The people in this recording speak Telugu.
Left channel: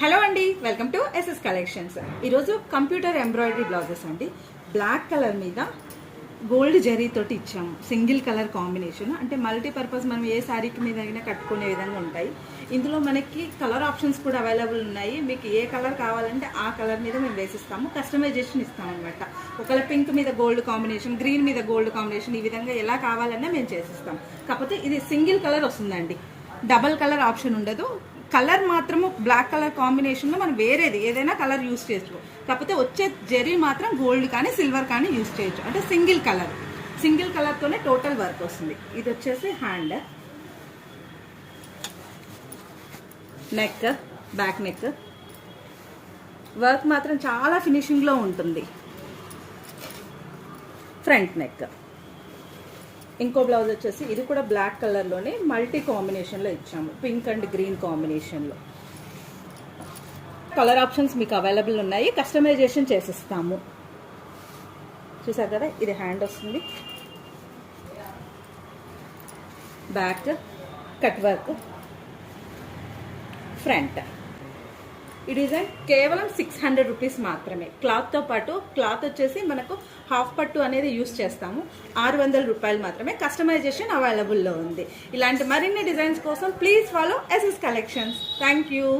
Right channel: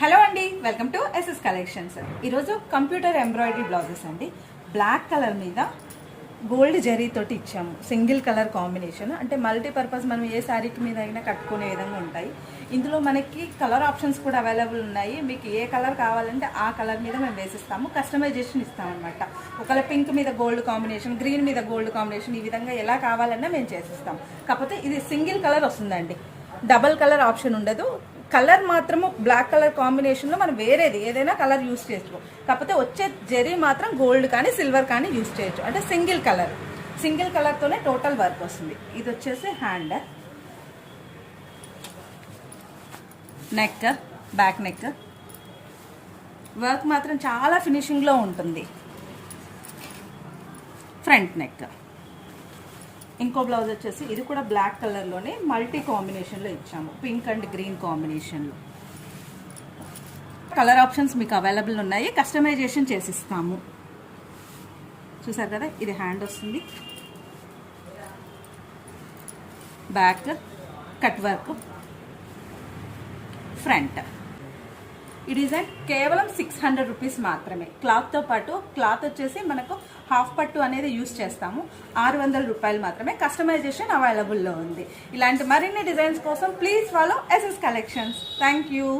హలో అండి, వెల్కమ్ టు ఎస్ఎస్ కలెక్షన్స్. ఈరోజు కంప్యూటర్ ఎంబ్రాయిడరీ బ్లౌజెస్ అండి. బ్లాక్ కలర్ మీద గోల్డ్ జరీ తోటి ఇచ్చాము. సింగిల్ కలర్ కాంబినేషన్, అంటే మల్టీపర్పస్ మనం ఏ శారీకి మీద అయినా కట్టుకునే విధంగా ఉంటాయి. ఇందులో మనకి కలర్ ఆప్షన్స్ కూడా అవైలబుల్ ఉన్నాయి. మీకు ఏ కలర్ కావాలంటే ఆ కలర్ మీద మేము వేసిస్తాము. కస్టమైజేషన్ ఇస్తాం అనమాట. ఒకవేళ పింక్ మీద గోల్డ్ కాంబినేషన్, గ్రీన్ మీద గోల్డ్ కాంబినేషన్, ఈ విధంగా ఎలా కావాలన్నా మేము చేసిస్తాం. కాకపోతే ఇది సింగిల్ కలర్ వస్తుందండి, డబల్ కలర్ ఆప్షన్ ఉండదు. కలర్ మాత్రము బ్లాక్ కలర్ కాంబినేషన్లో మనం వేరేది ఏదైనా కలర్ యూజ్ చేయొచ్చు. కాకపోతే వచ్చే జరీ మాత్రం గోల్డ్ కానీ సిల్వర్ కానీ యూజ్ చేయొచ్చు. అంటే సింగిల్ కలర్తోనే టోటల్ వర్క్ వస్తుంది. ఇది వచ్చేసి hand, neck, back neck work మాత్రం చాలా ఫినిషింగ్లో ఉంటుంది. Front neck. ఇంకో బ్లౌజ్ వచ్చేసి ఇది కూడా బ్లాక్ కలర్లోనే మల్టీ కాంబినేషన్లో ఇచ్చాము. పింక్ అండ్ గ్రీన్ కాంబినేషన్లో కలర్ ఆప్షన్స్ మీకు అవైలబుల్ ఉన్నాయి. కస్టమైజేషన్ చేసిస్తాము. చూసారు కదా, ఇది హ్యాండ్ వస్తుంది, బ్యాక్ కట్ వర్క్, ఫ్రంట్. ఈ డిజైన్ కేవలం 600 రూపీస్ మాత్రమే. క్లాత్తో పాటు క్లాత్ వచ్చేసి మనకు హాఫ్ పట్టు అనేది యూస్ చేస్తాము. 600 రూపాయలు మాత్రమే. కస్టమైజేషన్ అవైలబుల్లో ఉంది. ఇలాంటి మరిన్ని డిజైన్స్ కోసం please follow SS collections. Thank you.